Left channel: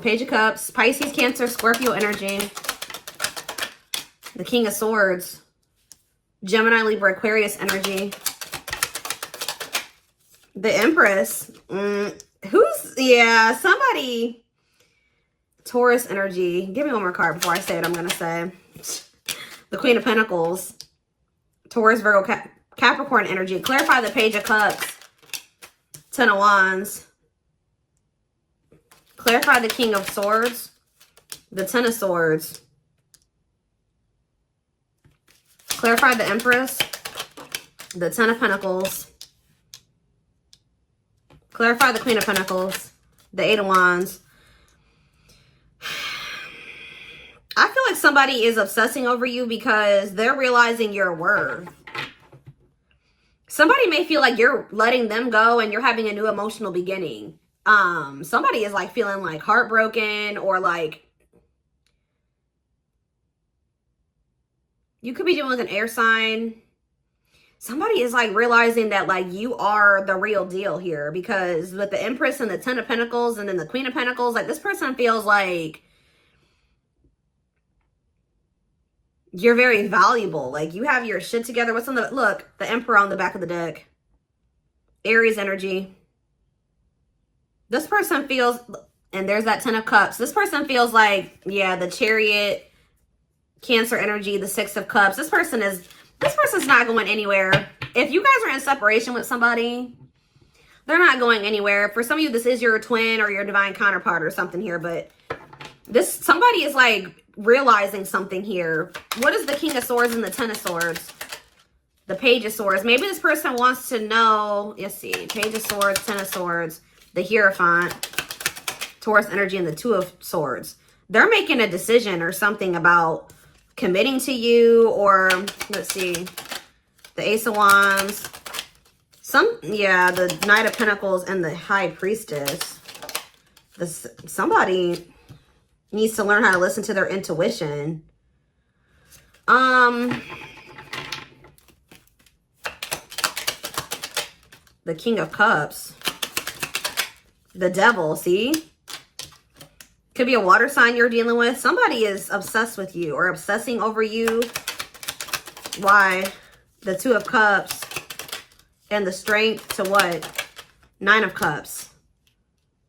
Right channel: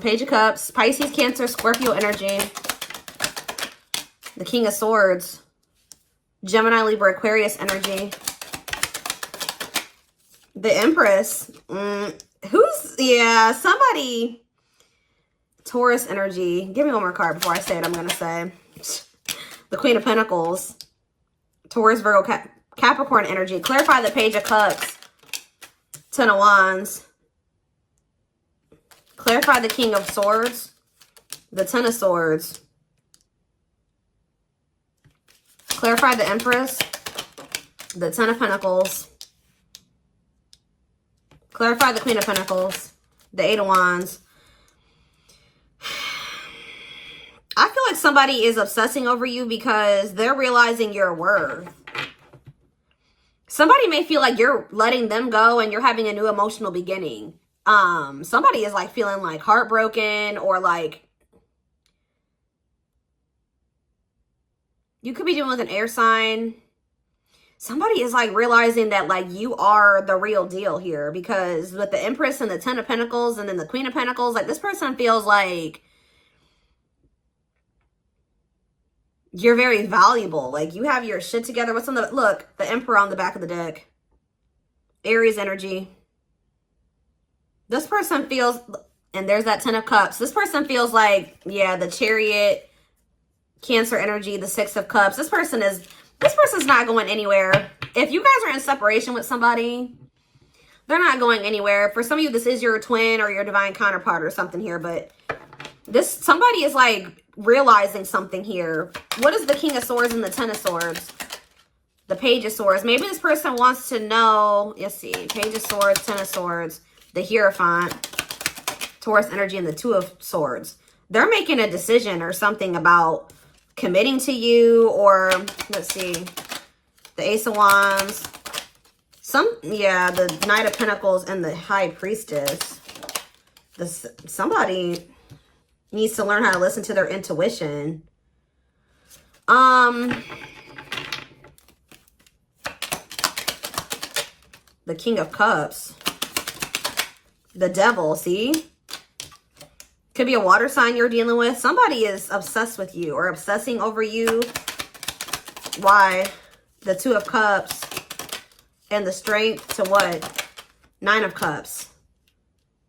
Page of Cups, Pisces, Cancer, Scorpio energy. The King of Swords, Gemini, Libra, Aquarius energy. The Empress, somebody. Taurus energy. Give me one more card before I say what I'm going to say. The Queen of Pentacles, Taurus, Virgo, Capricorn energy. Clarify the Page of Cups, Ten of Wands. Clarify the King of Swords, the Ten of Swords. Clarify the Empress, the Ten of Pentacles. Clarify the Queen of Pentacles, the Eight of Wands. I feel like somebody is obsessing over you because they're realizing your worth. Somebody may feel like you're letting them go and you're having a new emotional beginning. Somebody is like feeling like heartbroken, or like you could be dealing with an air sign. Somebody is like realizing that like you are the real deal here, because with the Empress and the Ten of Pentacles and then the Queen of Pentacles, like this person feels like you're very valuable. Like you have your shit together. What's on the, look, the Emperor on the back of the deck. Aries energy. This person feels, and there's that Ten of Cups. This person feels like, yeah, the Chariot, Cancer energy, the Six of Cups. This person's not going anywhere. If you guys are in separation with somebody, they're not going anywhere. For some of you, this is your twin or your divine counterpart or something here, but somebody is like realizing something here. What is the King of Swords and the Ten of Swords? The Page of Swords. Maybe this person wants to know, let's see, Page of Swords, Ten of Swords, the Hierophant, Taurus energy, and the Two of Swords. They're making a decision or something about committing to you, or let's see, the Ace of Wands, the Knight of Pentacles, and the High Priestess. Somebody needs to learn how to listen to their intuition. The King of Cups, the Devil, see? Could be a water sign you're dealing with. Somebody is obsessed with you or obsessing over you. Why? The Two of Cups and the Strength to what? Nine of Cups.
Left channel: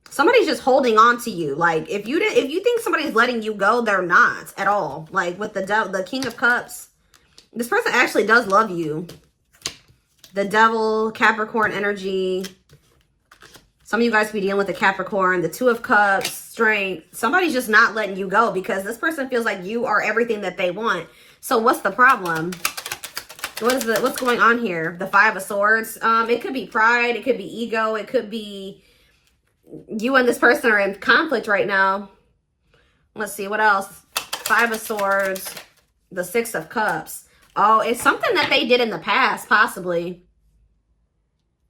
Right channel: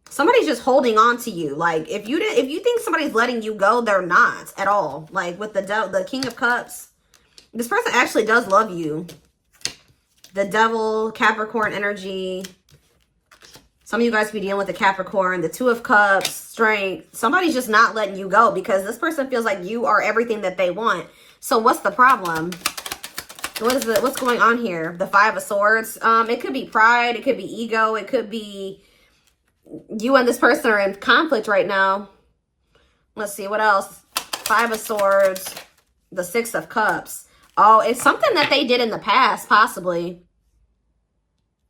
Somebody's just holding on to you. Like if you think somebody's letting you go, they're not at all. Like with the King of Cups, this person actually does love you. The Devil, Capricorn energy. Some of you guys be dealing with the Capricorn, the Two of Cups, Strength. Somebody's just not letting you go because this person feels like you are everything that they want. So what's the problem? What's going on here? The Five of Swords. It could be pride. It could be ego. It could be you and this person are in conflict right now. Let's see, what else? Five of Swords, the Six of Cups. Oh, it's something that they did in the past, possibly.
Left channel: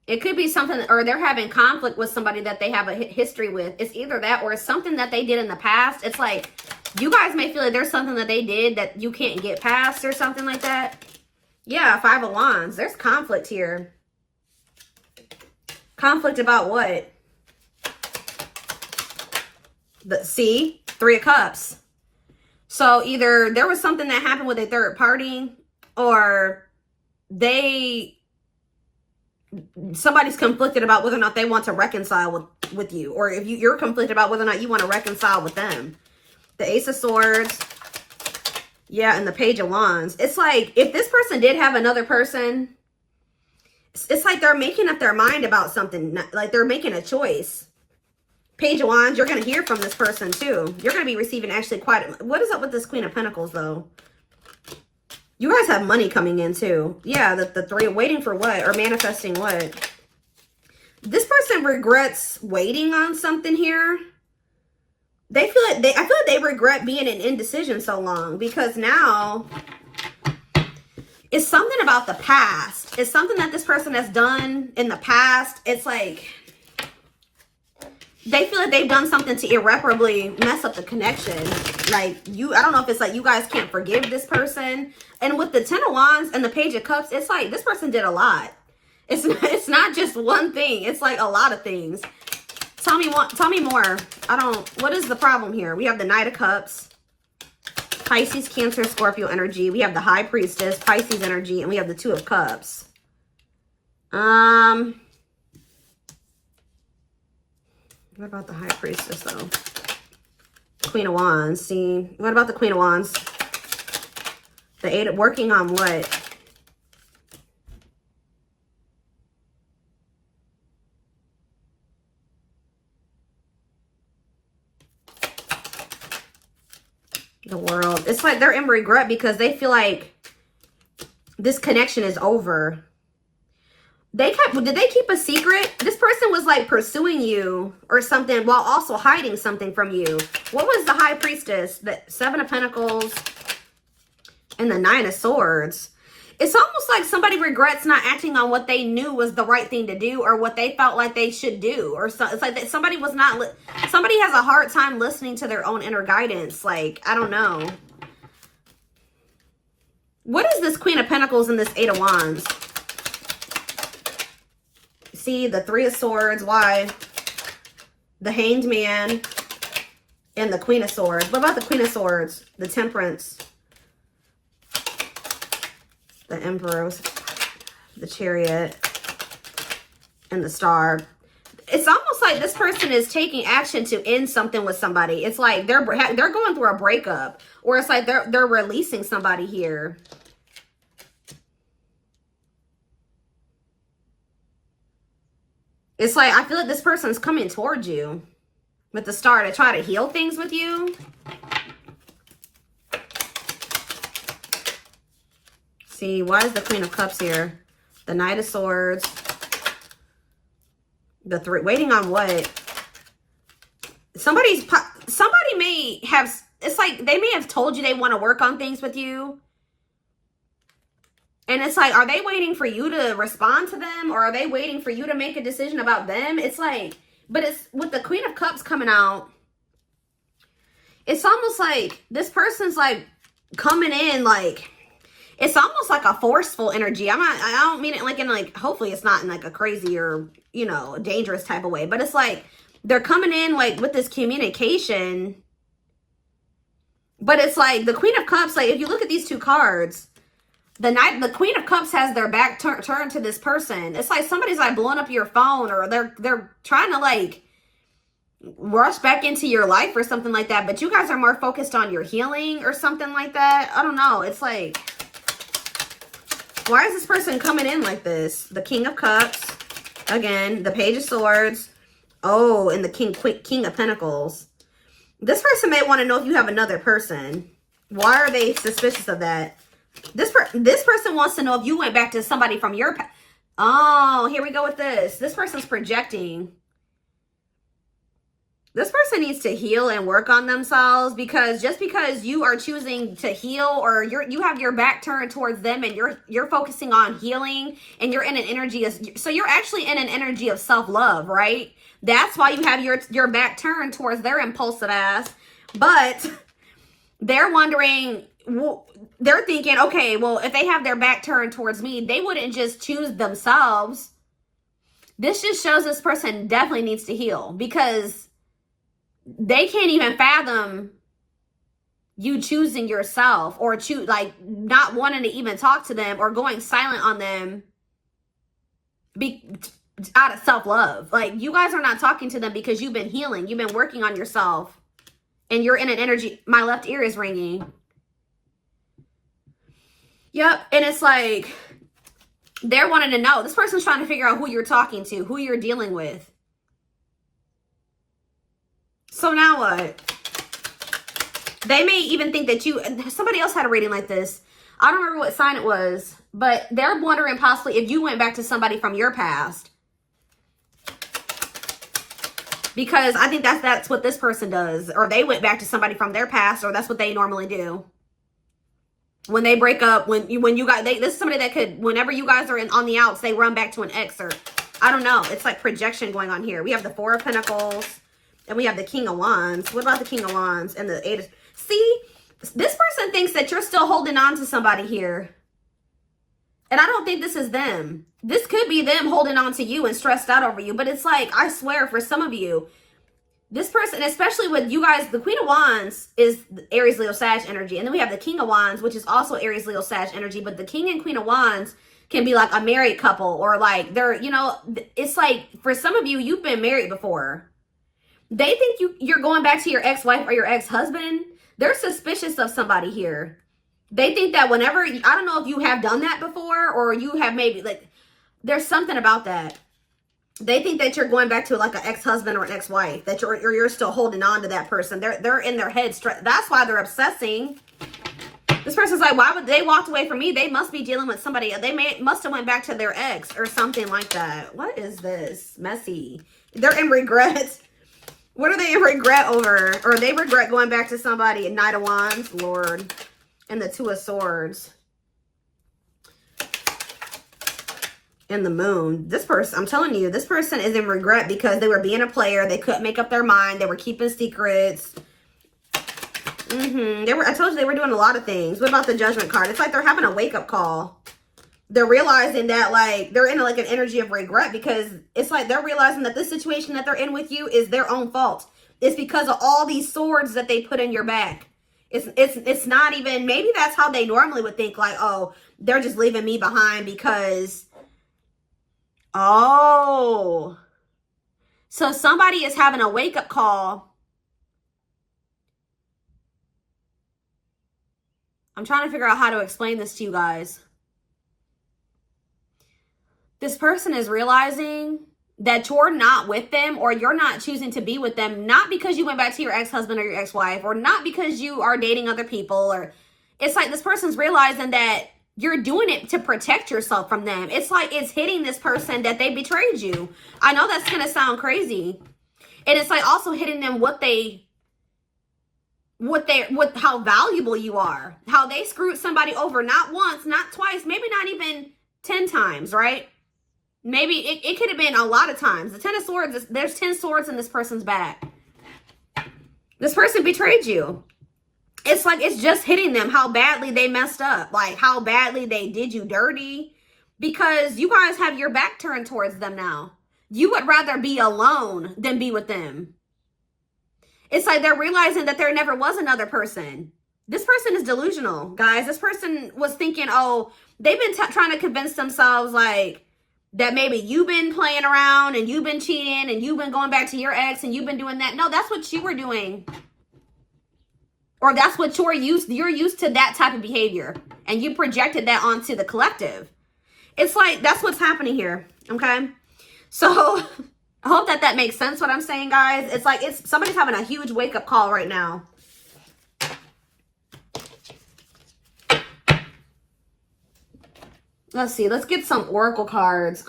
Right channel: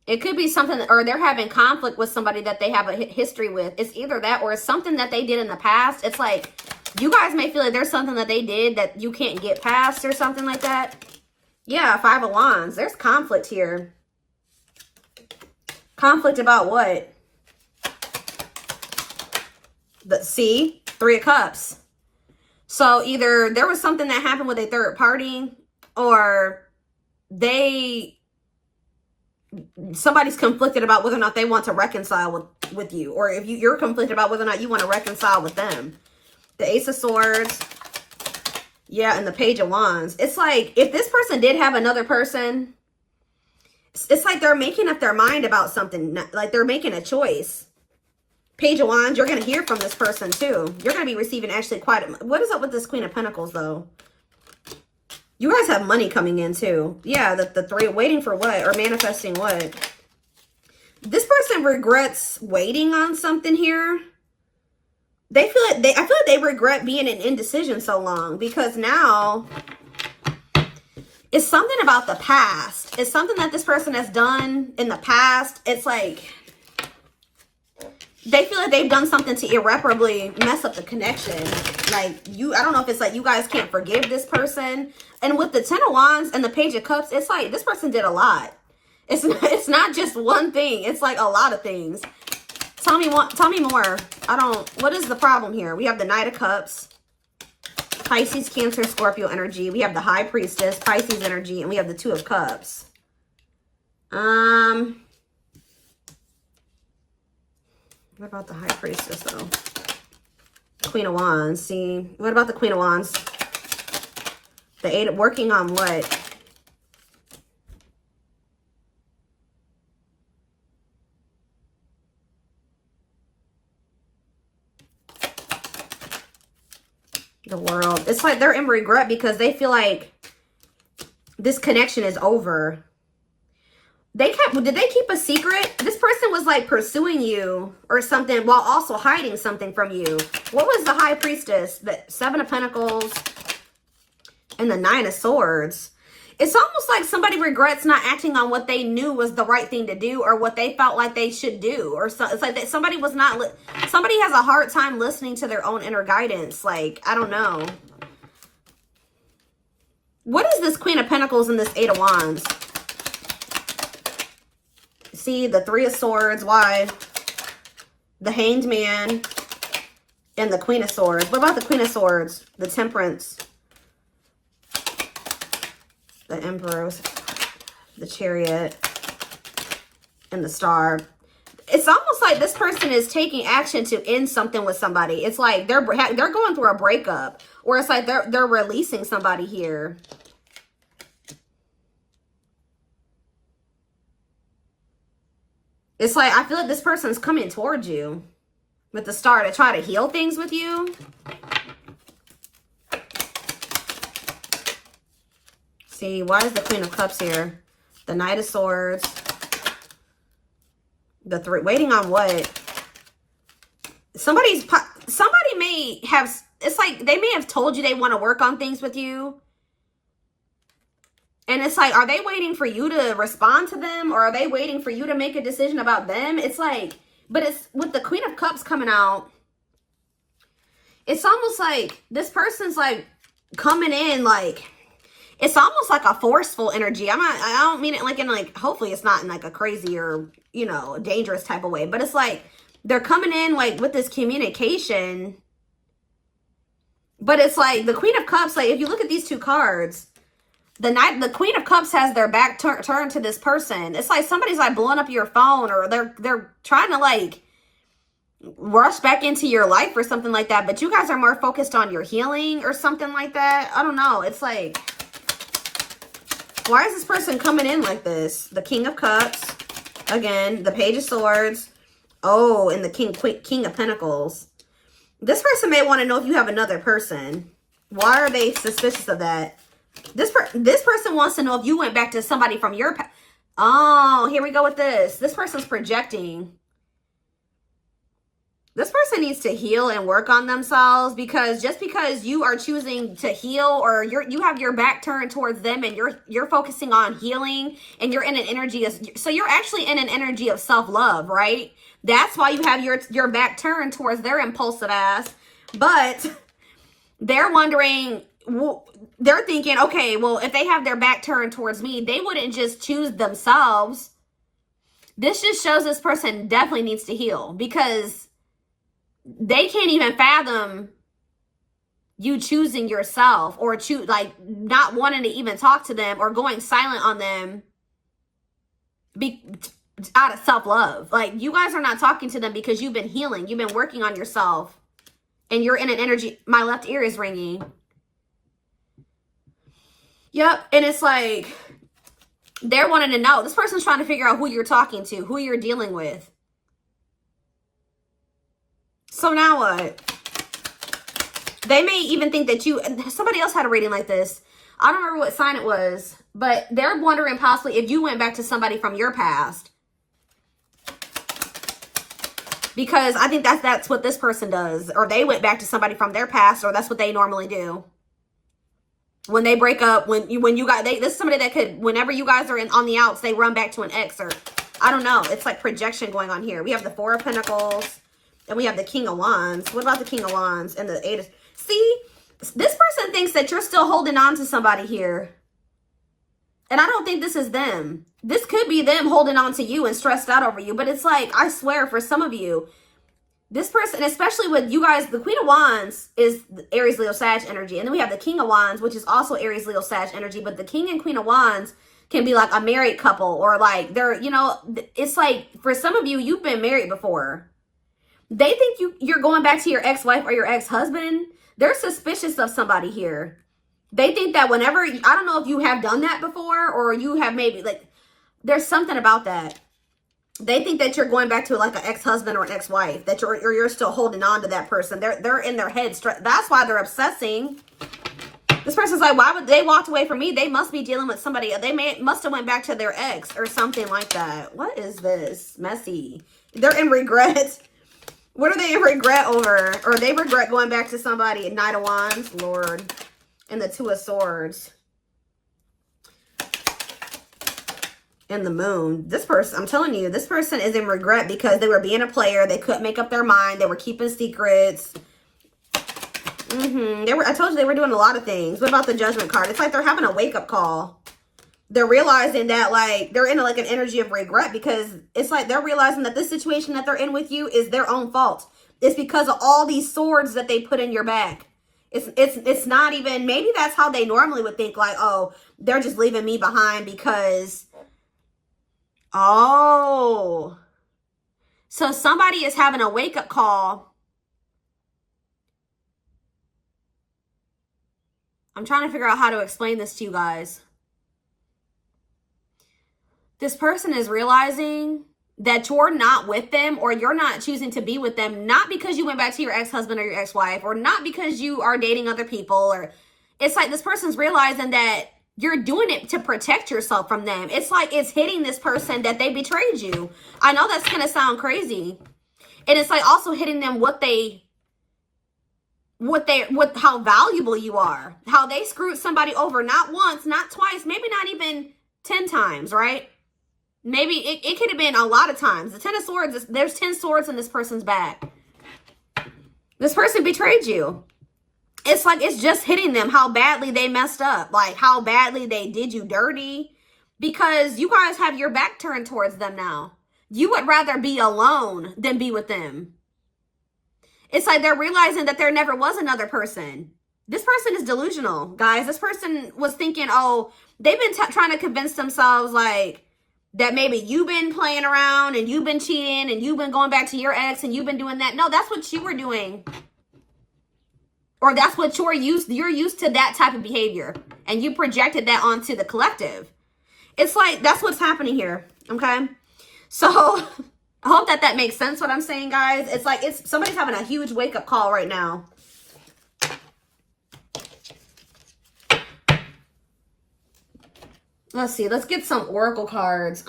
It could be something, or they're having conflict with somebody that they have a history with. It's either that or it's something that they did in the past. It's like, you guys may feel like there's something that they did that you can't get past or something like that. Yeah, Five of Wands. There's conflict here. Conflict about what? See? Three of Cups. So either there was something that happened with a third party, or somebody's conflicted about whether or not they want to reconcile with you, or if you're conflicted about whether or not you want to reconcile with them. The Ace of Swords, yeah, and the Page of Wands. It's like if this person did have another person, it's like they're making up their mind about something, like they're making a choice. Page of Wands, you're going to hear from this person too. You're going to be receiving actually what is up with this Queen of Pentacles though? You guys have money coming in too. Yeah, the three, waiting for what? Or manifesting what? This person regrets waiting on something here. I feel like they regret being in indecision so long, because now it's something about the past. It's something that this person has done in the past. It's like they feel like they've done something to irreparably mess up the connection. Like I don't know if it's like you guys can't forgive this person. And with the Ten of Wands and the Page of Cups, it's like this person did a lot. It's not just one thing. It's like a lot of things. Tell me more. What is the problem here? We have the Knight of Cups, Pisces, Cancer, Scorpio energy. We have the High Priestess, Pisces energy, and we have the Two of Cups. What about the High Priestess, though? Queen of Wands. See, what about the Queen of Wands? The Eight, working on what? The World. It's like they're in regret because they feel like this connection is over. Did they keep a secret? This person was like pursuing you or something while also hiding something from you. What was the High Priestess? The Seven of Pentacles and the Nine of Swords. It's almost like somebody regrets not acting on what they knew was the right thing to do or what they felt like they should do. Or so, it's like that somebody has a hard time listening to their own inner guidance. Like, I don't know. What is this Queen of Pentacles and this Eight of Wands? See, the Three of Swords. Why? The Hanged Man and the Queen of Swords. What about the Queen of Swords? The Temperance. The Emperor. The Chariot. And the Star. It's almost like this person is taking action to end something with somebody. It's like they're going through a breakup. Or it's like they're releasing somebody here. It's like, I feel like this person's coming towards you with the Star to try to heal things with you. See, why is the Queen of Cups here? The Knight of Swords. The Three, waiting on what? Somebody may have, it's like they may have told you they want to work on things with you. And it's like, are they waiting for you to respond to them? Or are they waiting for you to make a decision about them? It's like, but it's with the Queen of Cups coming out. It's almost like this person's like coming in like, it's almost like a forceful energy. I don't mean it like in like, hopefully it's not in like a crazy or, you know, dangerous type of way. But it's like, they're coming in like with this communication. But it's like the Queen of Cups, like if you look at these two cards, the Queen of Cups has their back turned to this person. It's like somebody's like blowing up your phone or they're trying to like rush back into your life or something like that. But you guys are more focused on your healing or something like that. I don't know. It's like, why is this person coming in like this? The King of Cups. Again, the Page of Swords. Oh, and the King of Pentacles. This person may want to know if you have another person. Why are they suspicious of that? This person wants to know if you went back to somebody from your past. Oh, here we go with this. This person's projecting. This person needs to heal and work on themselves because just because you are choosing to heal or you have your back turned towards them and you're focusing on healing and you're in an energy of, so you're actually in an energy of self-love, right? That's why you have your back turned towards their impulsive ass. But they're wondering, they're thinking, okay, well, if they have their back turned towards me, they wouldn't just choose themselves. This just shows this person definitely needs to heal because they can't even fathom you choosing yourself or like not wanting to even talk to them or going silent on them out of self-love. Like you guys are not talking to them because you've been healing. You've been working on yourself and you're in an energy. My left ear is ringing. Yep. And it's like, they're wanting to know. This person's trying to figure out who you're talking to, who you're dealing with. So now what? They may even think that somebody else had a reading like this. I don't remember what sign it was, but they're wondering possibly if you went back to somebody from your past. Because I think that's what this person does. Or they went back to somebody from their past, or that's what they normally do. When they break up, this is somebody that could, whenever you guys are on the outs, they run back to an ex or, I don't know. It's like projection going on here. We have the Four of Pentacles and we have the King of Wands. What about the King of Wands and the Eight of, see, this person thinks that you're still holding on to somebody here. And I don't think this is them. this could be them holding on to you and stressed out over you. But it's like, I swear, for some of you, this person, especially with you guys, the Queen of Wands is Aries, Leo, Sag energy. And then we have the King of Wands, which is also Aries, Leo, Sag energy. But the King and Queen of Wands can be like a married couple, or like they're, you know, it's like for some of you, you've been married before. They think you're going back to your ex-wife or your ex-husband. They're suspicious of somebody here. They think that whenever, I don't know if you have done that before, or you have maybe, like, there's something about that. They think that you're going back to like an ex-husband or an ex-wife, that you're still holding on to that person. They're in their head. That's why they're obsessing. This person's like, why would they walked away from me? They must be dealing with somebody. Must have went back to their ex or something like that. What is this? Messy. They're in regret. What are they in regret over? Or they regret going back to somebody. Knight of Wands, Lord. And the Two of Swords. And the Moon. This person, I'm telling you, this person is in regret because they were being a player. They couldn't make up their mind. They were keeping secrets. I told you they were doing a lot of things. What about the Judgment card? It's like they're having a wake-up call. They're realizing that, like, they're in like an energy of regret, because it's like they're realizing that this situation that they're in with you is their own fault. It's because of all these swords that they put in your back. It's not even, maybe that's how they normally would think, like, oh, they're just leaving me behind because, oh. So somebody is having a wake-up call. I'm trying to figure out how to explain this to you guys. This person is realizing that you're not with them, or you're not choosing to be with them, not because you went back to your ex-husband or your ex-wife, or not because you are dating other people, or it's like this person's realizing that you're doing it to protect yourself from them. It's like it's hitting this person that they betrayed you. I know that's going to sound crazy. And it's like also hitting them how valuable you are, how they screwed somebody over, not once, not twice, maybe not even 10 times, right? Maybe it could have been a lot of times. The 10 of Swords, there's 10 swords in this person's back. This person betrayed you. It's like it's just hitting them how badly they messed up, like how badly they did you dirty, because you guys have your back turned towards them now. You would rather be alone than be with them. It's like they're realizing that there never was another person. This person is delusional, guys. This person was thinking, oh, they've been trying to convince themselves like that maybe you've been playing around and you've been cheating and you've been going back to your ex and you've been doing that. No, that's what you were doing. Or that's what you're used to that type of behavior. And you projected that onto the collective. It's like, that's what's happening here. Okay. So I hope that makes sense what I'm saying, guys. It's like somebody's having a huge wake-up call right now. Let's see. Let's get some oracle cards.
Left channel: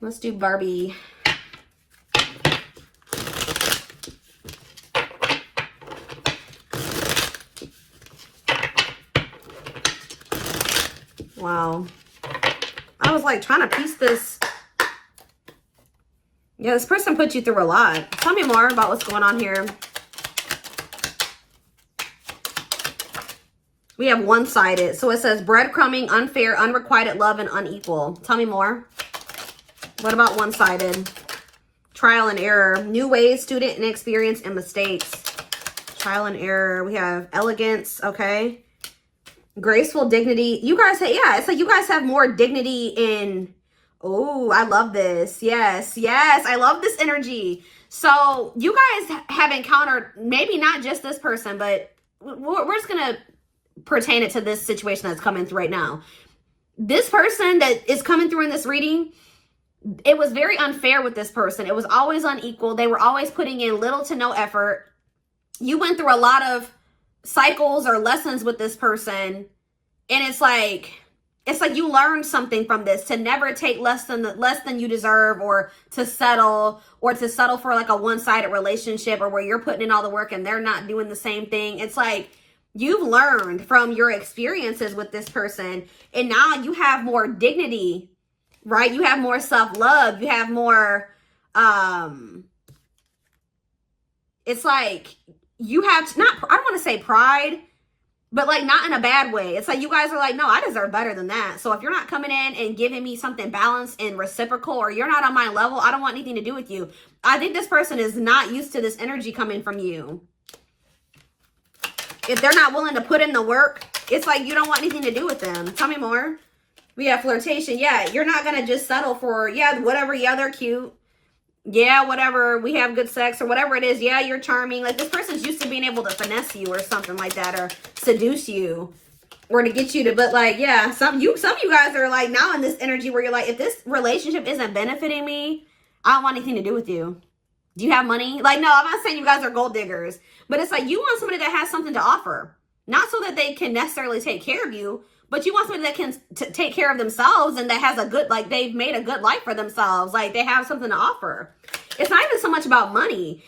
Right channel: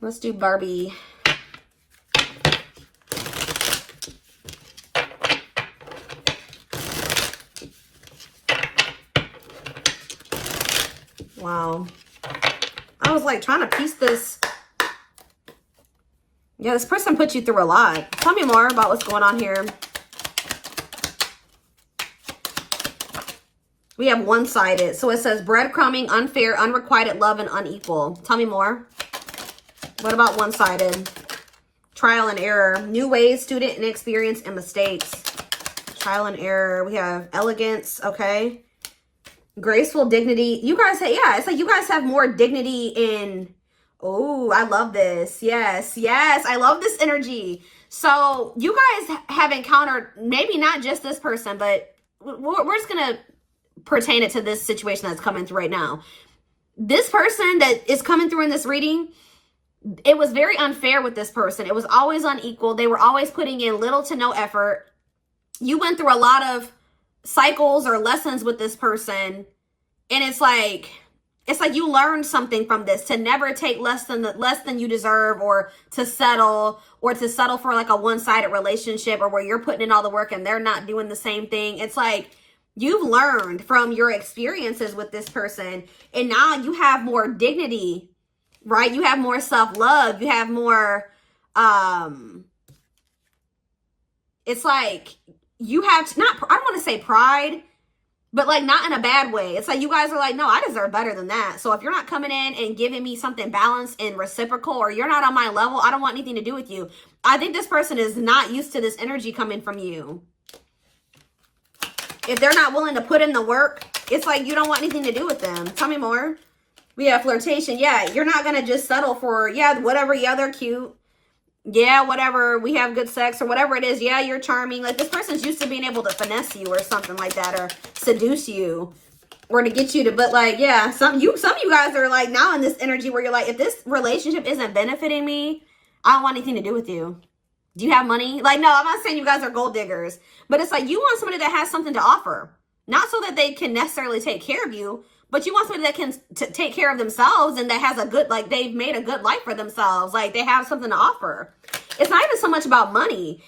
Let's do Barbie. Wow. I was like trying to piece this. Yeah, this person put you through a lot. Tell me more about what's going on here. We have one-sided. So it says breadcrumbing, unfair, unrequited love, and unequal. Tell me more. What about one-sided? Trial and error. New ways, student and experience, and mistakes. Trial and error. We have elegance. Okay. Graceful dignity. You guys say, yeah, it's like you guys have more dignity in. Oh, I love this. Yes, yes. I love this energy. So you guys have encountered maybe not just this person, but we're just going to pertain it to this situation that's coming through right now. This person that is coming through in this reading, it was very unfair with this person. It was always unequal. They were always putting in little to no effort. You went through a lot of cycles or lessons with this person. And it's like you learned something from this, to never take less than you deserve, or to settle for like a one-sided relationship, or where you're putting in all the work and they're not doing the same thing. It's like you've learned from your experiences with this person, and now you have more dignity, right? You have more self-love. You have more, it's like you have not, I don't want to say pride, but like not in a bad way. It's like you guys are like, no, I deserve better than that. So if you're not coming in and giving me something balanced and reciprocal, or you're not on my level, I don't want anything to do with you. I think this person is not used to this energy coming from you. If they're not willing to put in the work, it's like you don't want anything to do with them. Tell me more. We have flirtation. Yeah, you're not going to just settle for, yeah, whatever. Yeah, they're cute. Yeah, whatever. We have good sex or whatever it is. Yeah, you're charming. Like this person's used to being able to finesse you or something like that, or seduce you, or to get you to, but like, yeah, some of you guys are like now in this energy where you're like, if this relationship isn't benefiting me, I don't want anything to do with you. Do you have money? Like, no, I'm not saying you guys are gold diggers, but it's like you want somebody that has something to offer. Not so that they can necessarily take care of you, but you want somebody that can take care of themselves and that has a good, like they've made a good life for themselves. Like they have something to offer. It's not even so much about money.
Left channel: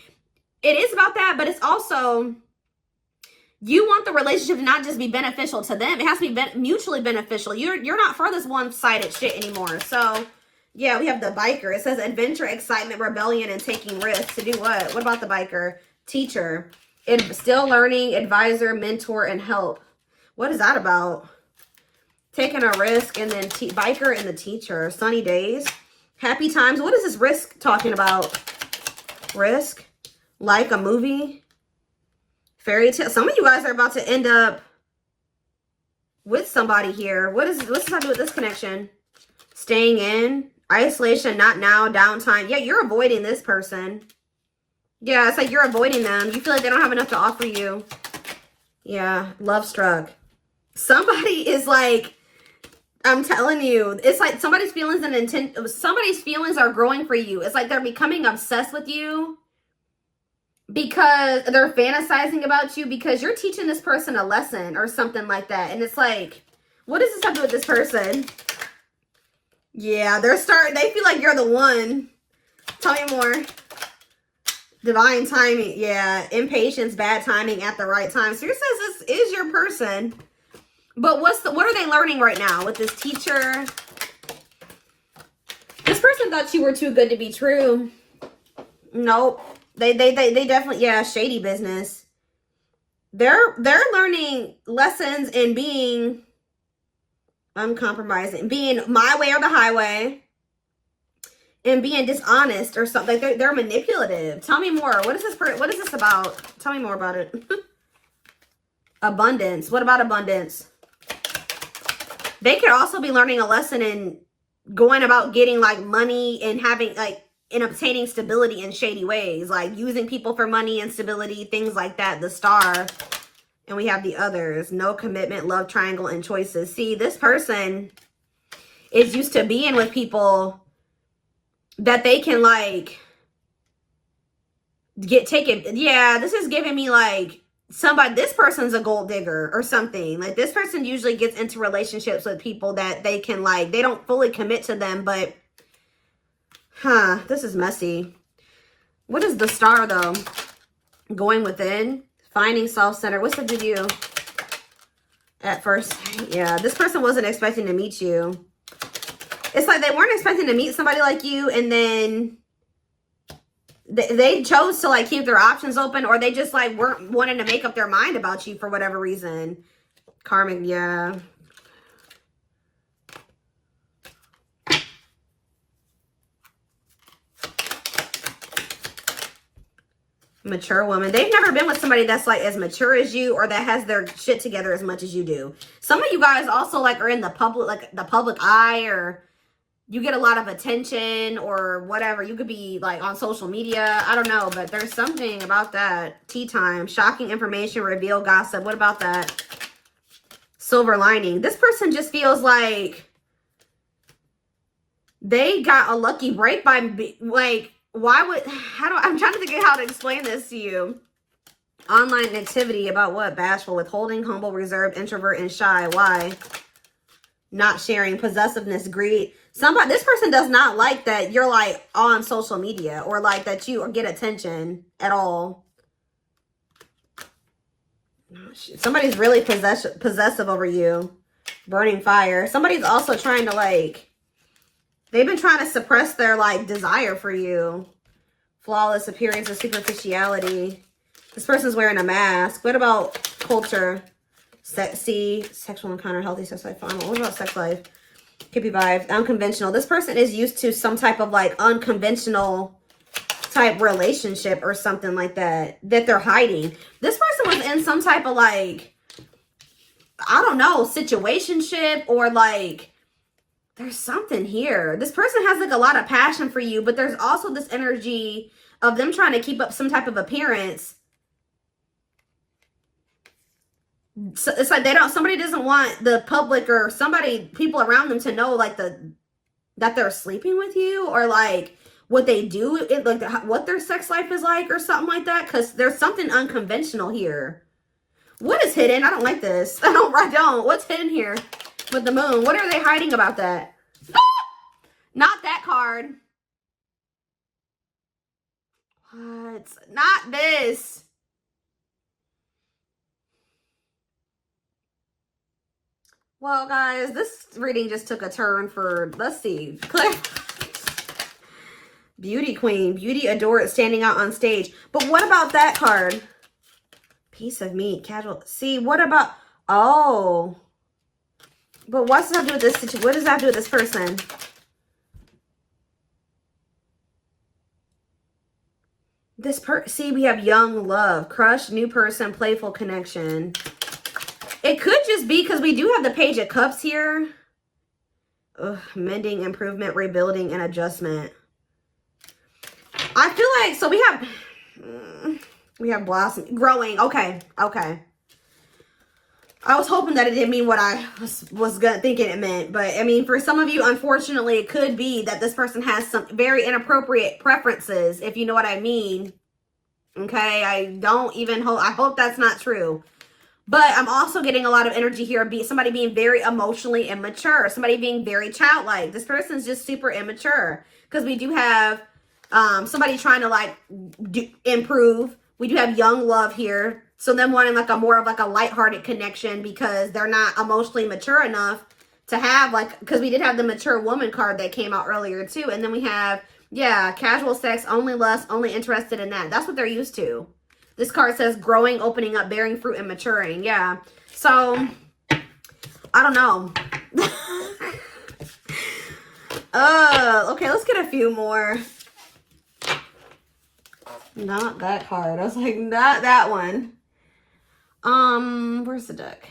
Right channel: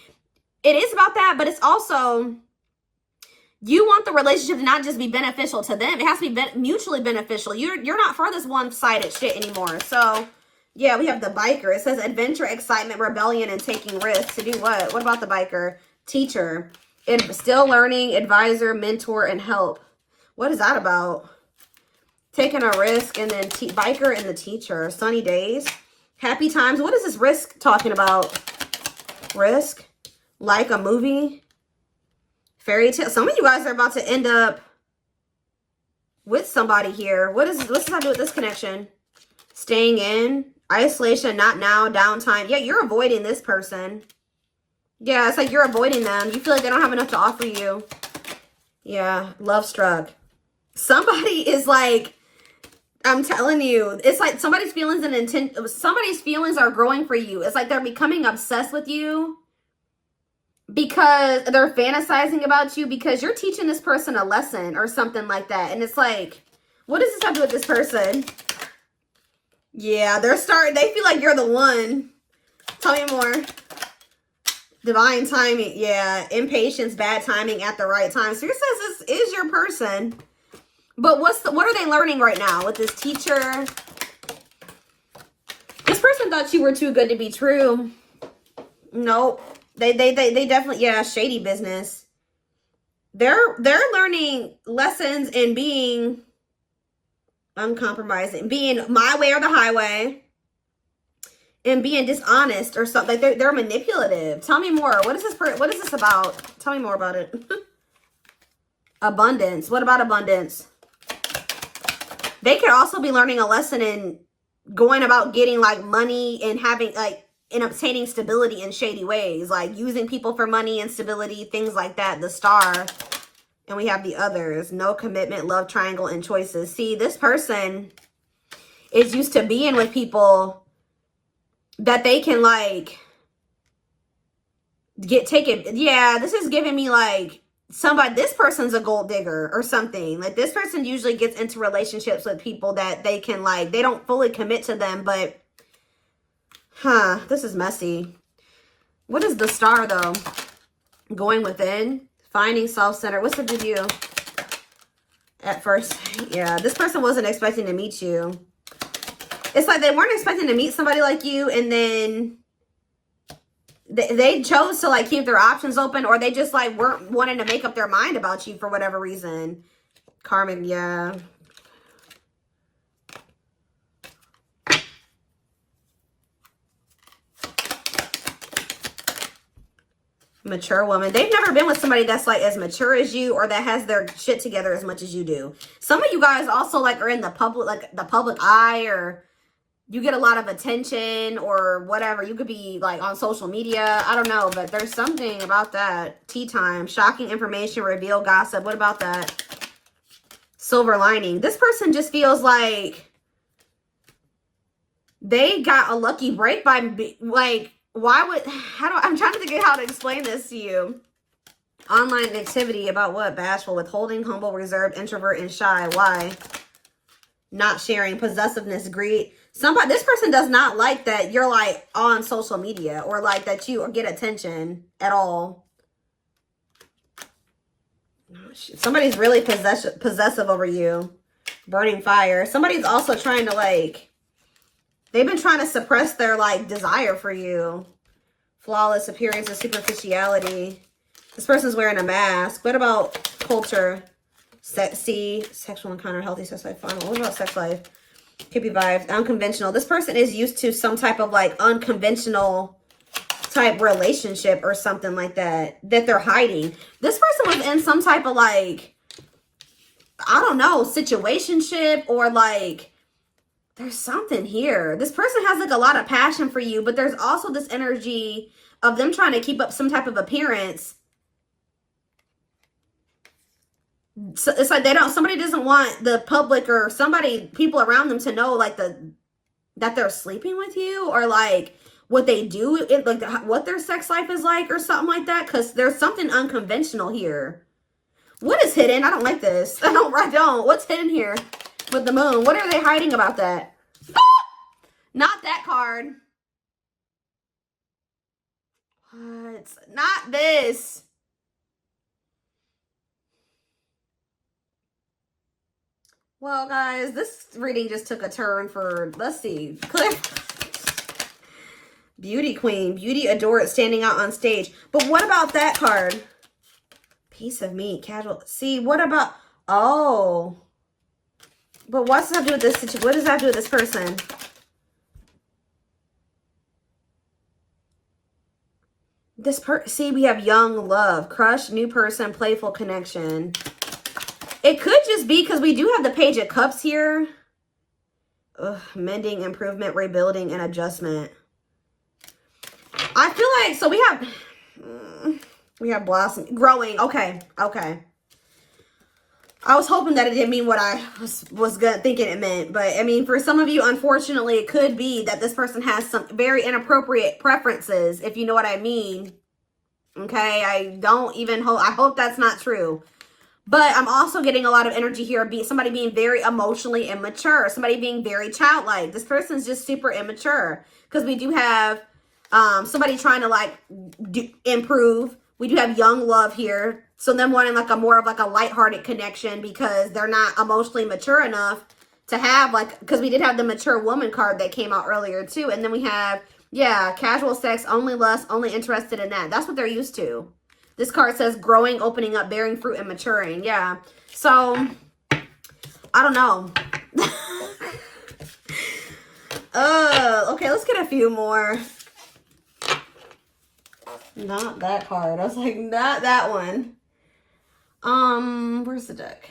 It is about that, but it's also, you want the relationship to not just be beneficial to them. It has to be mutually beneficial. You're not for this one-sided shit anymore. So yeah, we have the biker. It says adventure, excitement, rebellion, and taking risks. To do what? What about the biker? Teacher. Still learning, advisor, mentor, and help. What is that about? Taking a risk, and then biker and the teacher. Sunny days. Happy times. What is this risk talking about? Risk? Like a movie? Fairy tale. Some of you guys are about to end up with somebody here. What's this have to do with this connection? Staying in. Isolation, not now, downtime. Yeah, you're avoiding this person. Yeah, it's like you're avoiding them. You feel like they don't have enough to offer you. Yeah, love struck. Somebody is like, I'm telling you, it's like somebody's feelings and intent. Somebody's feelings are growing for you. It's like they're becoming obsessed with you because they're fantasizing about you because you're teaching this person a lesson or something like that. And it's like, what does this have to do with this person? Yeah, they feel like you're the one. Tell me more. Divine timing. Yeah, impatience, bad timing at the right time. So it says this is your person. But what are they learning right now with this teacher? This person thought you were too good to be true. Nope. They definitely, yeah, shady business. They're learning lessons in being uncompromising, being my way or the highway, and being dishonest or something. Like they're manipulative. Tell me more. What is this about? Tell me more about it. Abundance. What about abundance? They could also be learning a lesson in going about getting like money and having like and obtaining stability in shady ways, like using people for money and stability, things like that. The star. And we have the others. No commitment, love triangle, and choices. See, this person is used to being with people that they can like get taken. Yeah, this is giving me like somebody, this person's a gold digger or something. Like this person usually gets into relationships with people that they can like, they don't fully commit to them, but this is messy. What is the star though? Going within, finding self-centered. What's the review? At first, yeah, this person wasn't expecting to meet you. It's like they weren't expecting to meet somebody like you, and then they chose to like keep their options open, or they just like weren't wanting to make up their mind about you for whatever reason. Karmic, yeah. Mature woman. They've never been with somebody that's like as mature as you, or that has their shit together as much as you do. Some of you guys also like are in the public, like the public eye, or you get a lot of attention or whatever. You could be like on social media. I don't know, but there's something about that. Tea time. Shocking information, reveal, gossip. What about that? Silver lining. This person just feels like they got a lucky break by like, why would, I'm trying to think of how to explain this to you. Online activity about what? Bashful, withholding, humble, reserved, introvert, and shy. Why? Not sharing, possessiveness, greed. This person does not like that you're like on social media, or like that you get attention at all. Somebody's really possessive over you. Burning fire. Somebody's also trying to like, they've been trying to suppress their like desire for you. Flawless appearance and superficiality. This person's wearing a mask. What about culture? Sexy, sexual encounter, healthy sex life, fun. What about sex life? Hippie vibes, unconventional. This person is used to some type of like unconventional type relationship or something like that they're hiding. This person was in some type of like, I don't know, situationship, or like there's something here. This person has like a lot of passion for you, but there's also this energy of them trying to keep up some type of appearance. So it's like somebody doesn't want the public or people around them to know like that they're sleeping with you, or like what they do, like what their sex life is like or something like that, because there's something unconventional here. What is hidden? I don't like this. I don't. What's hidden here with the moon? What are they hiding about that? Not that card. What? Not this. Well, guys, this reading just took a turn for, let's see. Beauty queen. Beauty adored, standing out on stage. But what about that card? Piece of meat. Casual. See, what about... Oh. But what's that do with this situation? What does that do with this person? See, we have young love. Crush, new person, playful connection. It could just be because we do have the Page of Cups here. Ugh, mending, improvement, rebuilding, and adjustment. I feel like, so we have blossom, growing. Okay. I was hoping that it didn't mean what I was thinking it meant. But, I mean, for some of you, unfortunately, it could be that this person has some very inappropriate preferences, if you know what I mean. Okay? I hope that's not true. But I'm also getting a lot of energy here. Somebody being very emotionally immature. Somebody being very childlike. This person's just super immature. Because we do have somebody trying to like improve. We do have young love here. So them wanting like more of like a lighthearted connection because they're not emotionally mature enough to have like, because we did have the mature woman card that came out earlier too. And then we have, yeah, casual sex, only lust, only interested in that. That's what they're used to. This card says growing, opening up, bearing fruit, and maturing. Yeah. So, I don't know. Okay, let's get a few more. Not that card. I was like, not that one. Where's the deck?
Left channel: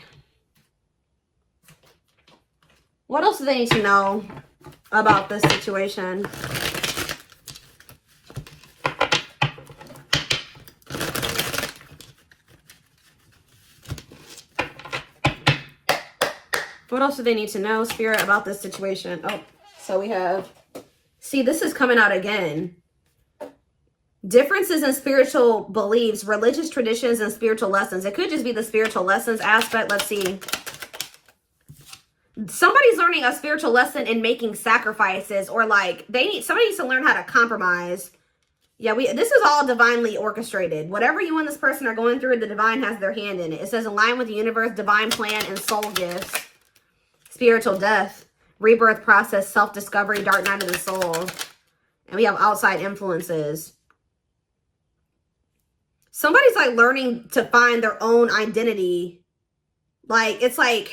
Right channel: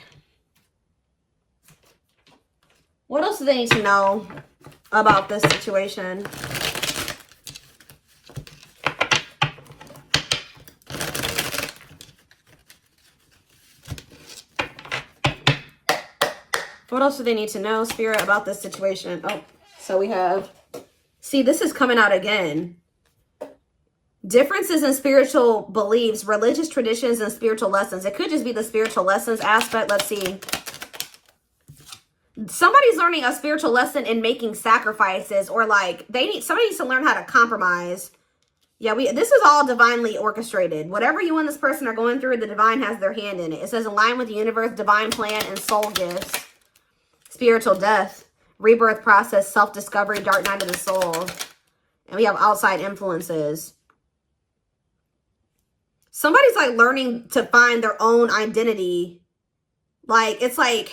What else do they need to know about this situation? What else do they need to know, Spirit, about this situation? Oh, so we have, see, this is coming out again. Differences in spiritual beliefs, religious traditions, and spiritual lessons. It could just be the spiritual lessons aspect. Let's see. Somebody's learning a spiritual lesson in making sacrifices, or like somebody needs to learn how to compromise. Yeah, this is all divinely orchestrated. Whatever you and this person are going through, the divine has their hand in it. It says align with the universe, divine plan, and soul gifts. Spiritual death, rebirth process, self-discovery, dark night of the soul. And we have outside influences. Somebody's like learning to find their own identity. Like, it's like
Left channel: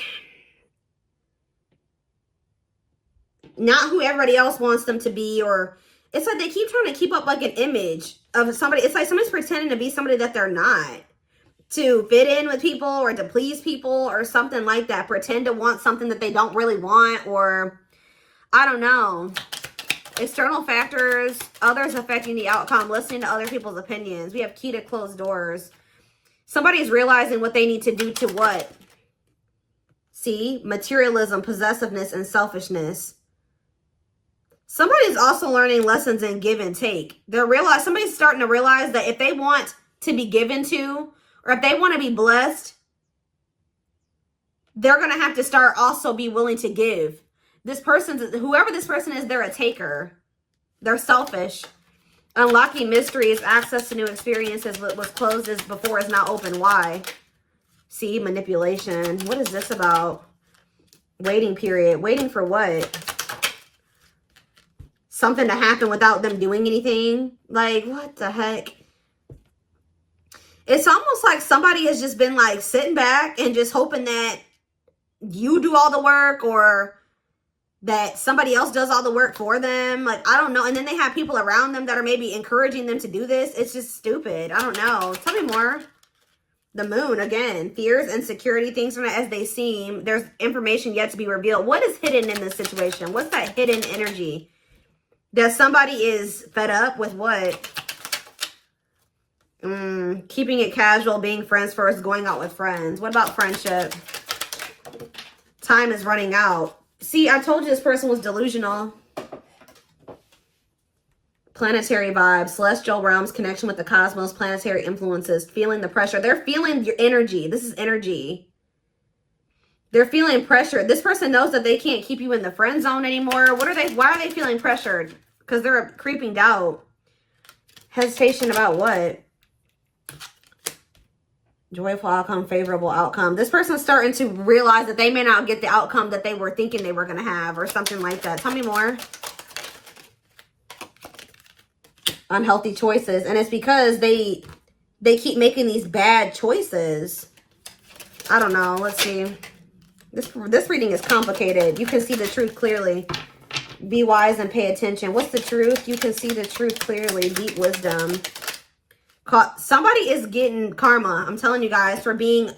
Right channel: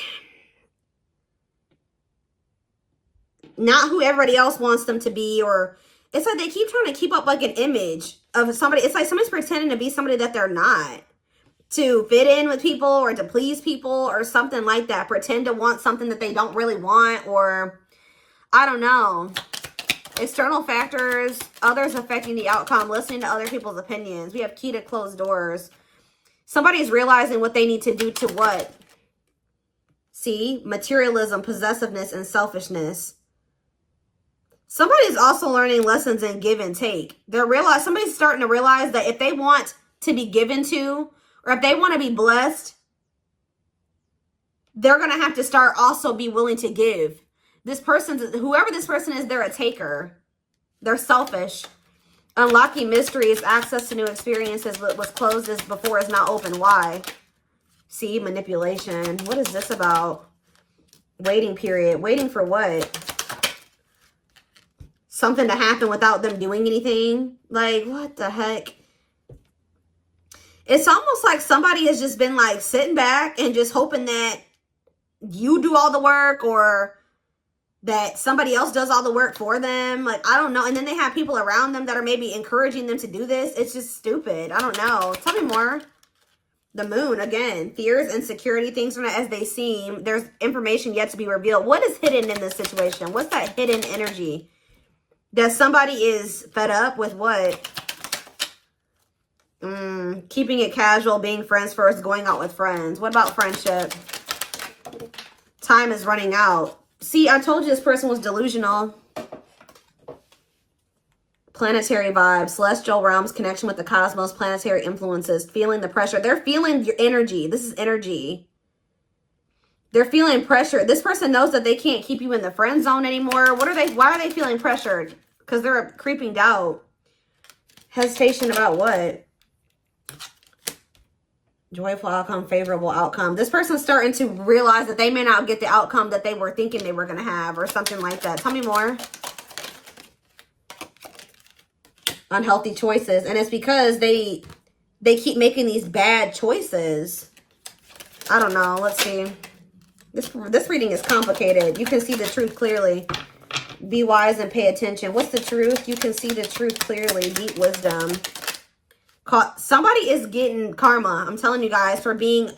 not who everybody else wants them to be, or it's like they keep trying to keep up like an image of somebody. It's like somebody's pretending to be somebody that they're not, to fit in with people or to please people or something like that. Pretend to want something that they don't really want, or I don't know. External factors, others affecting the outcome, listening to other people's opinions. We have key to closed doors. Somebody's realizing what they need to do to what? See? Materialism, possessiveness, and selfishness. Somebody's also learning lessons in give and take. Somebody's starting to realize that if they want to be given to, or if they want to be blessed, they're going to have to start also be willing to give. Whoever this person is, they're a taker. They're selfish. Unlocking mysteries, access to new experiences. What was closed before is now open. Why? See, manipulation. What is this about? Waiting period. Waiting for what? Something to happen without them doing anything? Like, what the heck? It's almost like somebody has just been like sitting back and just hoping that you do all the work, or that somebody else does all the work for them. Like, I don't know. And then they have people around them that are maybe encouraging them to do this. It's just stupid. I don't know. Tell me more. The moon, again, fears, insecurity, things are not as they seem. There's information yet to be revealed. What is hidden in this situation? What's that hidden energy? That somebody is fed up with what? Keeping it casual, being friends first, going out with friends. What about friendship? Time is running out. See, I told you this person was delusional. Planetary vibes, celestial realms, connection with the cosmos, planetary influences, feeling the pressure. They're feeling your energy. This is energy. They're feeling pressure. This person knows that they can't keep you in the friend zone anymore. Why are they feeling pressured? Because they're creeping doubt. Hesitation about what? Joyful outcome, favorable outcome. This person's starting to realize that they may not get the outcome that they were thinking they were going to have, or something like that. Tell me more. Unhealthy choices. And it's because they keep making these bad choices. I don't know. Let's see. This reading is complicated. You can see the truth clearly. Be wise and pay attention. What's the truth? You can see the truth clearly. Deep wisdom. Somebody is getting karma. I'm telling you guys, for being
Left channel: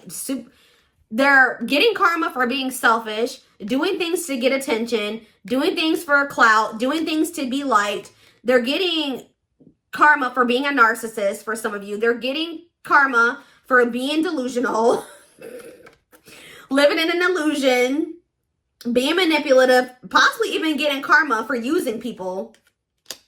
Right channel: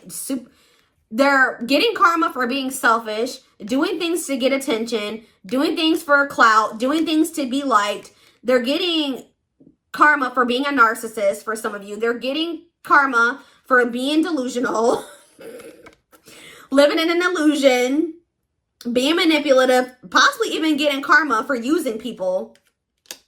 they're getting karma for being selfish, doing things to get attention, doing things for clout, doing things to be liked. They're getting karma for being a narcissist for some of you. They're getting karma for being delusional, living in an illusion, being manipulative, possibly even getting karma for using people.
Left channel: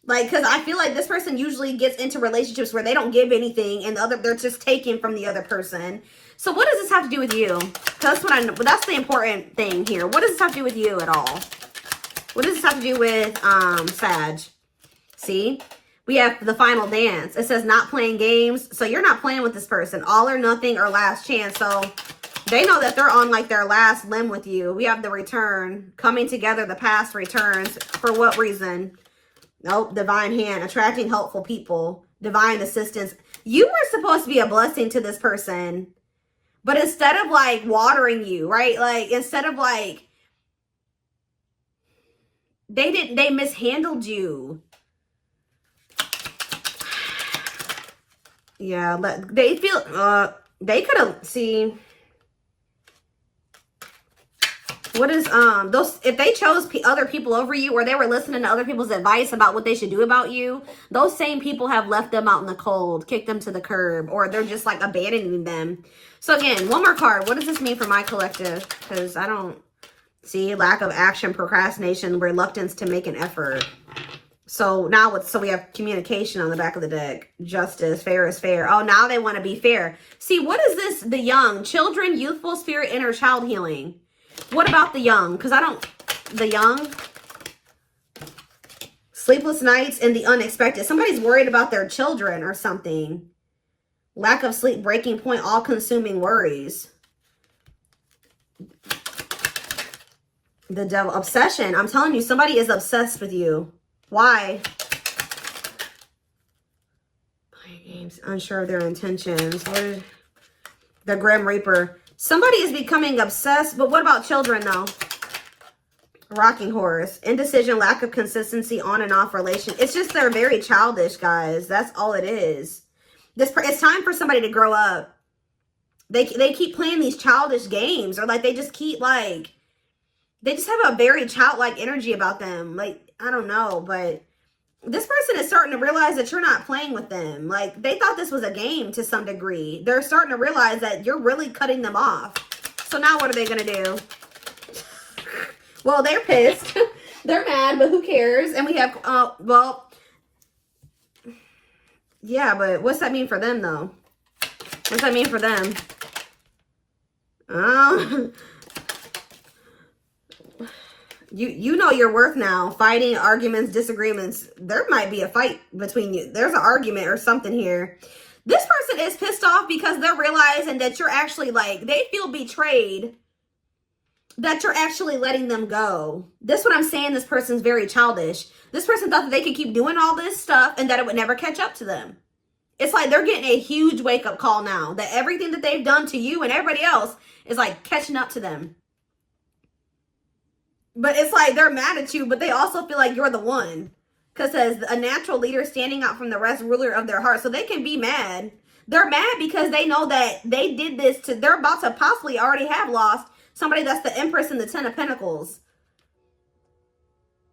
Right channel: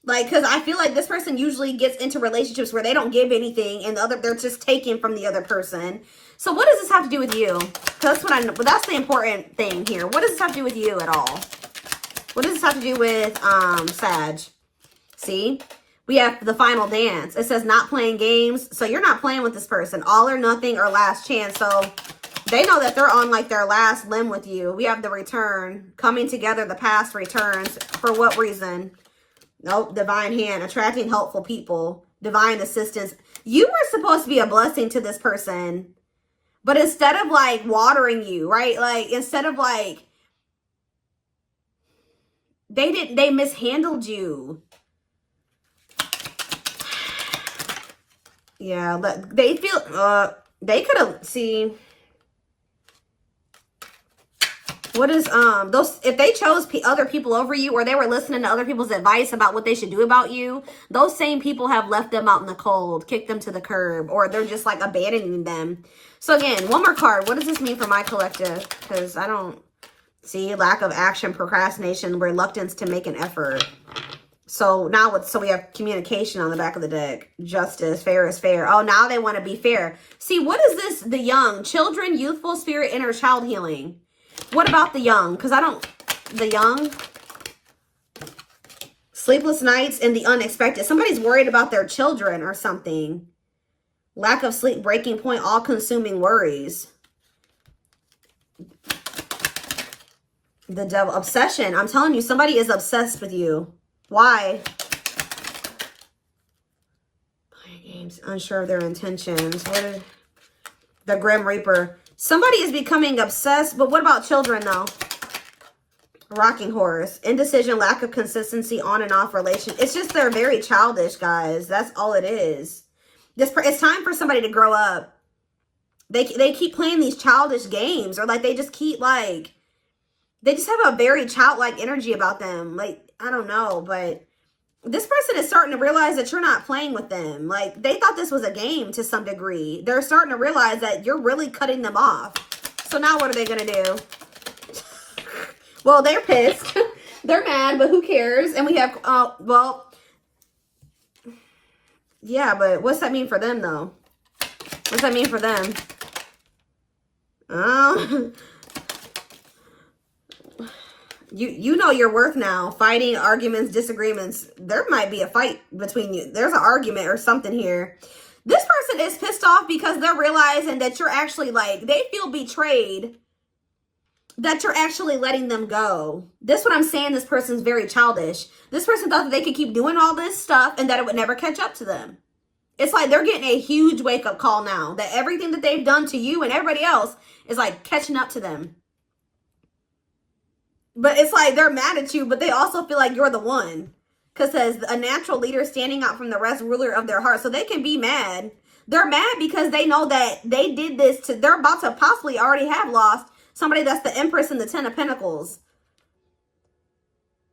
Like, because I feel like this person usually gets into relationships where they don't give anything, and they're just taking from the other person. So what does this have to do with you? That's what I know. But that's the important thing here. What does this have to do with you at all? What does this have to do with Sag? See? We have the final dance. It says not playing games. So you're not playing with this person. All or nothing or last chance. So they know that they're on like their last limb with you. We have the return. Coming together, the past returns. For what reason? Nope, divine hand, attracting helpful people, divine assistance. You were supposed to be a blessing to this person, but instead of like watering you, right? Like, instead of like, they mishandled you. Yeah, they feel, they could have, see, what is, if they chose other people over you, or they were listening to other people's advice about what they should do about you, those same people have left them out in the cold, kicked them to the curb, or they're just like abandoning them. So again, one more card. What does this mean for my collective? Because I don't see lack of action, procrastination, reluctance to make an effort. So now we have communication on the back of the deck. Justice, fair is fair. Oh, now they want to be fair. See, what is this? The young, children, youthful spirit, inner child healing. What about the young? Because the young, sleepless nights and the unexpected. Somebody's worried about their children or something. Lack of sleep, breaking point, all-consuming worries. The devil, obsession. I'm telling you, somebody is obsessed with you. Why? Unsure of their intentions. The Grim Reaper. Somebody is becoming obsessed, but what about children though? Rocking horse. Indecision, lack of consistency, on and off relation. It's just they're very childish, guys. That's all it is. It's time for somebody to grow up. They keep playing these childish games, or like they just keep like, they just have a very childlike energy about them. Like, I don't know, but this person is starting to realize that you're not playing with them. Like, they thought this was a game to some degree. They're starting to realize that you're really cutting them off. So now what are they going to do? Well, they're pissed. They're mad, but who cares? And we have, well, yeah, but what's that mean for them, though? What's that mean for them? You know your worth now. Fighting, arguments, disagreements. There might be a fight between you. There's an argument or something here. This person is pissed off because they're realizing that you're actually like, they feel betrayed that you're actually letting them go. This is what I'm saying. This person's very childish. This person thought that they could keep doing all this stuff and that it would never catch up to them. It's like they're getting a huge wake-up call now that everything that they've done to you and everybody else is like catching up to them. But it's like they're mad at you, but they also feel like you're the one. Because as a natural leader standing out from the rest, ruler of their heart. So they can be mad. They're mad because they know that they did this to, they're about to possibly already have lost somebody that's the Empress and the Ten of Pentacles.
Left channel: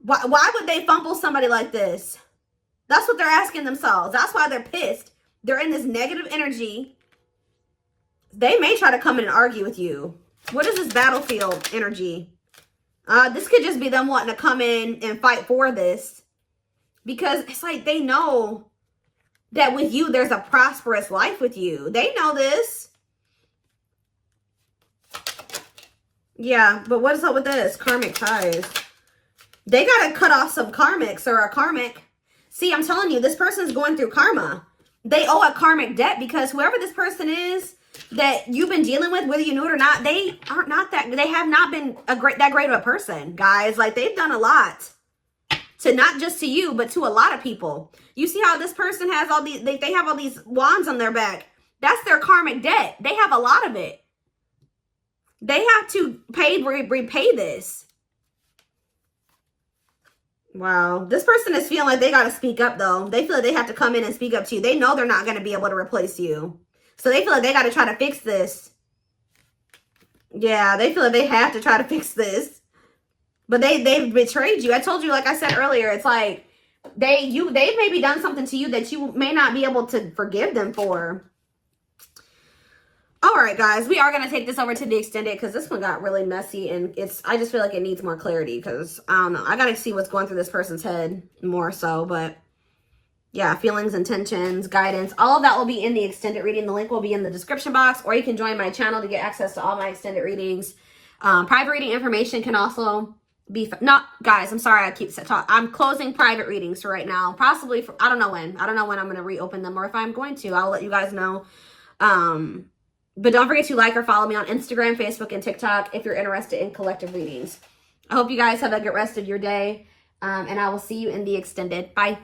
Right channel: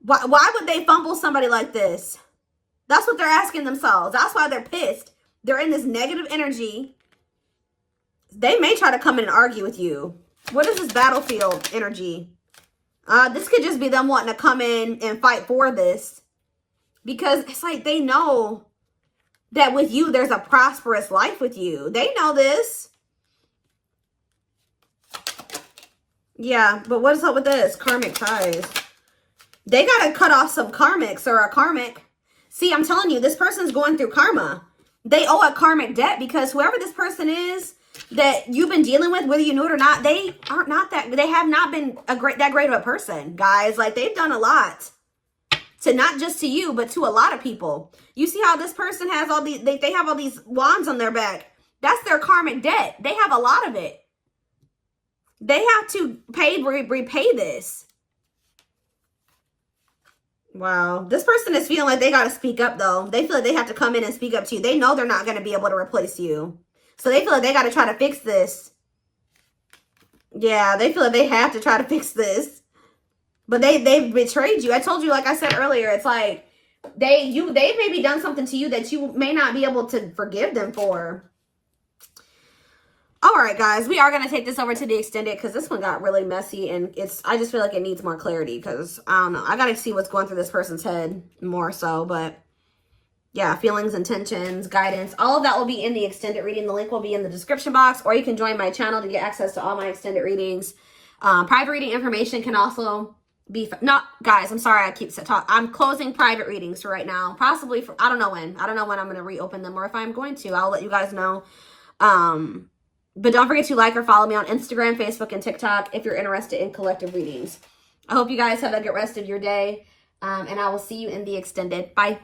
Why would they fumble somebody like this? That's what they're asking themselves. That's why they're pissed. They're in this negative energy. They may try to come in and argue with you. What is this battlefield energy? This could just be them wanting to come in and fight for this. Because it's like they know that with you, there's a prosperous life with you. They know this. Yeah, but what is up with this? Karmic ties. They got to cut off some karmics or a karmic. See, I'm telling you, this person's going through karma. They owe a karmic debt because whoever this person is that you've been dealing with, whether you know it or not, they aren't not that, they have not been that great of a person, guys. Like, they've done a lot. To not just to you, but to a lot of people. You see how this person has all these, they have all these wands on their back. That's their karmic debt. They have a lot of it. They have to repay this. Wow. This person is feeling like they got to speak up, though. They feel like they have to come in and speak up to you. They know they're not going to be able to replace you. So they feel like they got to try to fix this. Yeah, they feel like they have to try to fix this. But they've betrayed you. I told you, like I said earlier, it's like they've maybe done something to you that you may not be able to forgive them for. All right, guys, we are going to take this over to the extended because this one got really messy and I just feel like it needs more clarity because I don't know. I got to see what's going through this person's head more so, but yeah, feelings, intentions, guidance, all of that will be in the extended reading. The link will be in the description box, or you can join my channel to get access to all my extended readings. Private reading information can also be guys, I'm sorry I keep talking. I'm closing private readings for right now, possibly for I don't know when I'm going to reopen them, or if I'm going to, I'll let you guys know. But don't forget to like or follow me on Instagram, Facebook, and TikTok if you're interested in collective readings. I hope you guys have a good rest of your day, and I will see you in the extended. Bye.